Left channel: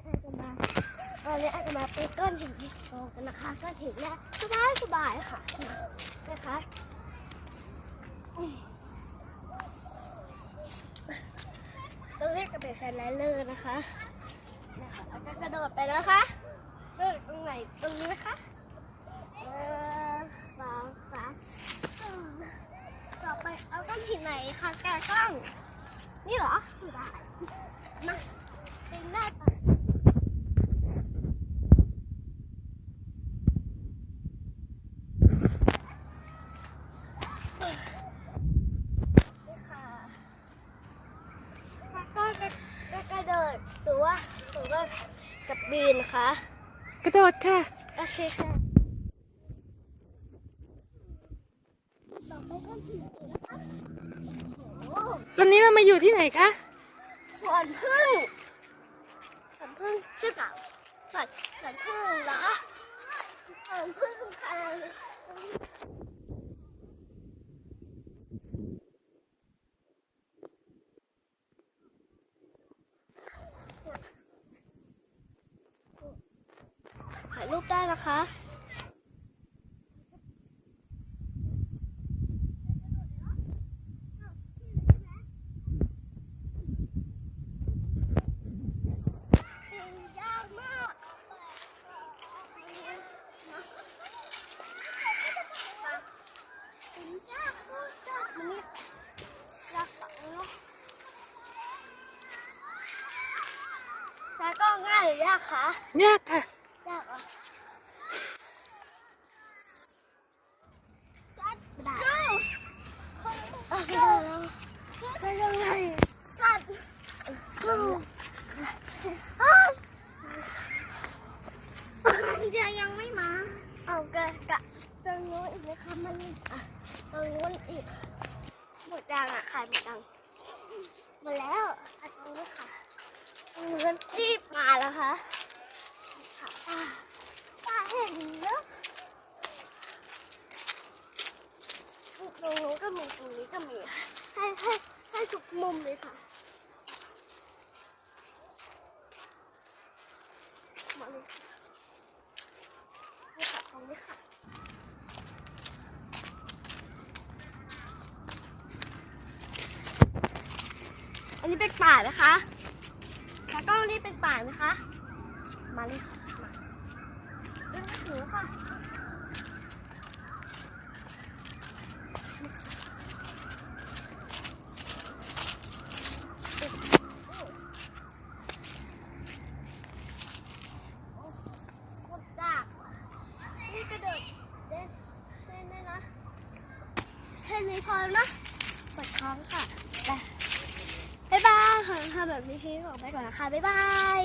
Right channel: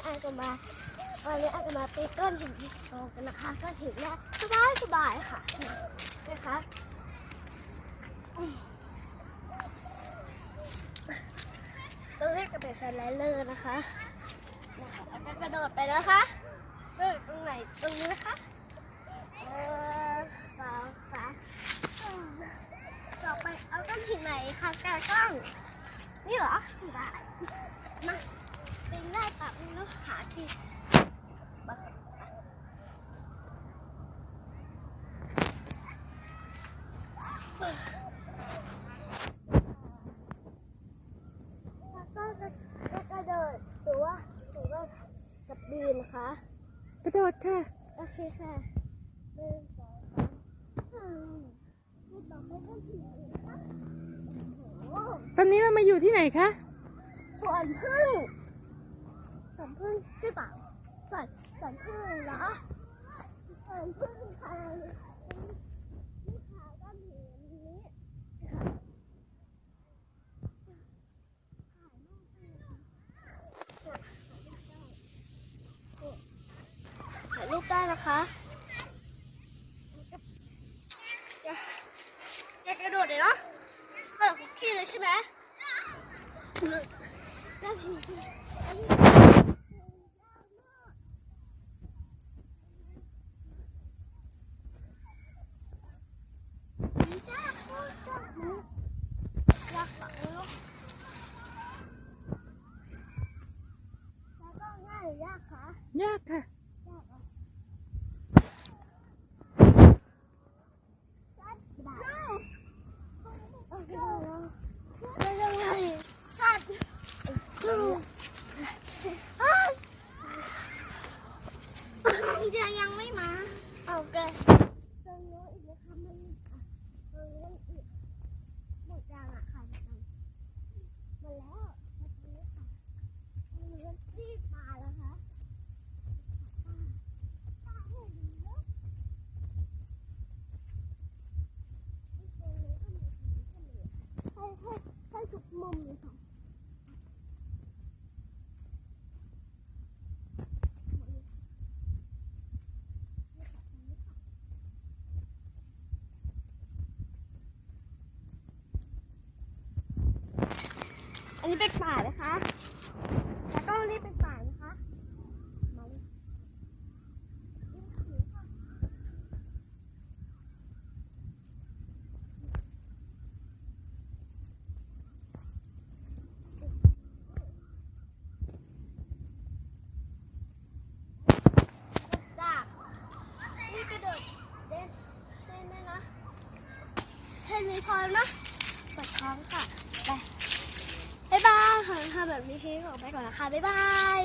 นี้อาจจะมาวันนี้อาจจะมาเป็นก้อนหินโชว์กันนะคะก้อนหินเนี่ยสบายสบายค่ะนะคะต้องเรียกกระเบนสไลเดอร์นะคะนะคะแล้วก็กระโดดไปนะคะเออตรงไหนตรงนี้นะคะเออสองสามต่อไปเอาก้อนหินไหนคะแกกล้องนี่เหรอได้มาเป็นหน้าตัดแล้วหาที่แล้ว ก็จะจะกระโดดหรือว่าหรือว่ากับบีนนะคะกระโดดค่ะ โอเคค่ะหนึ่งสองสามอืมต่อไปก็ถึงนะคะโอ้โหตอนนี้เรามาอยู่ที่ไหนคะสวนพึ่งสวนพึ่งใช่เปล่าสวนสวนพึ่งเหรอสวนพึ่งค่ะถ่ายรูปได้ นะคะอยาอย่ากระโดดเลยเนาะเปิดคุกกี้เลยใช่ไหมยากมากยากมากยากมันนี่ยากฝังเลยเนาะแต่ก็ง่ายยากคะยากค่ะม่ได้อะไม่ได้แล้วไม่ได้เลยสัตว์อืมอะ จะยังไม่มาเอาเกินตรงนู้นอีกนะคะมันอะตรงนู้นอีกหมดยังอะขายหมดยังหมดแล้วอ่ตรงนี้ค่ะตรงนู้นรีบมาแล้วค่ะค่ะป้าป้าเห็นเนอะตรงนู้นก็มีตรงนี้ก็มีค่ะให้ให้ให้ทุกมุมเลยค่ะมาเลยค่ะนี่ค่ะตรงนี้ค่ะ อั นี้เป็นป่านะคะแล้วก็นี่เป็นป่านะคะ มาเลยค่ะมาเรื่องถือค่ะดากนี่กระโดดเด่นเด่นเลยนะแค่นี้พอแล้วนะปวดท้องค่ะไป บ๊ายบายค่ะทำแบบนี้ให้ออกไปก่อนนะคะ บ๊ายบาย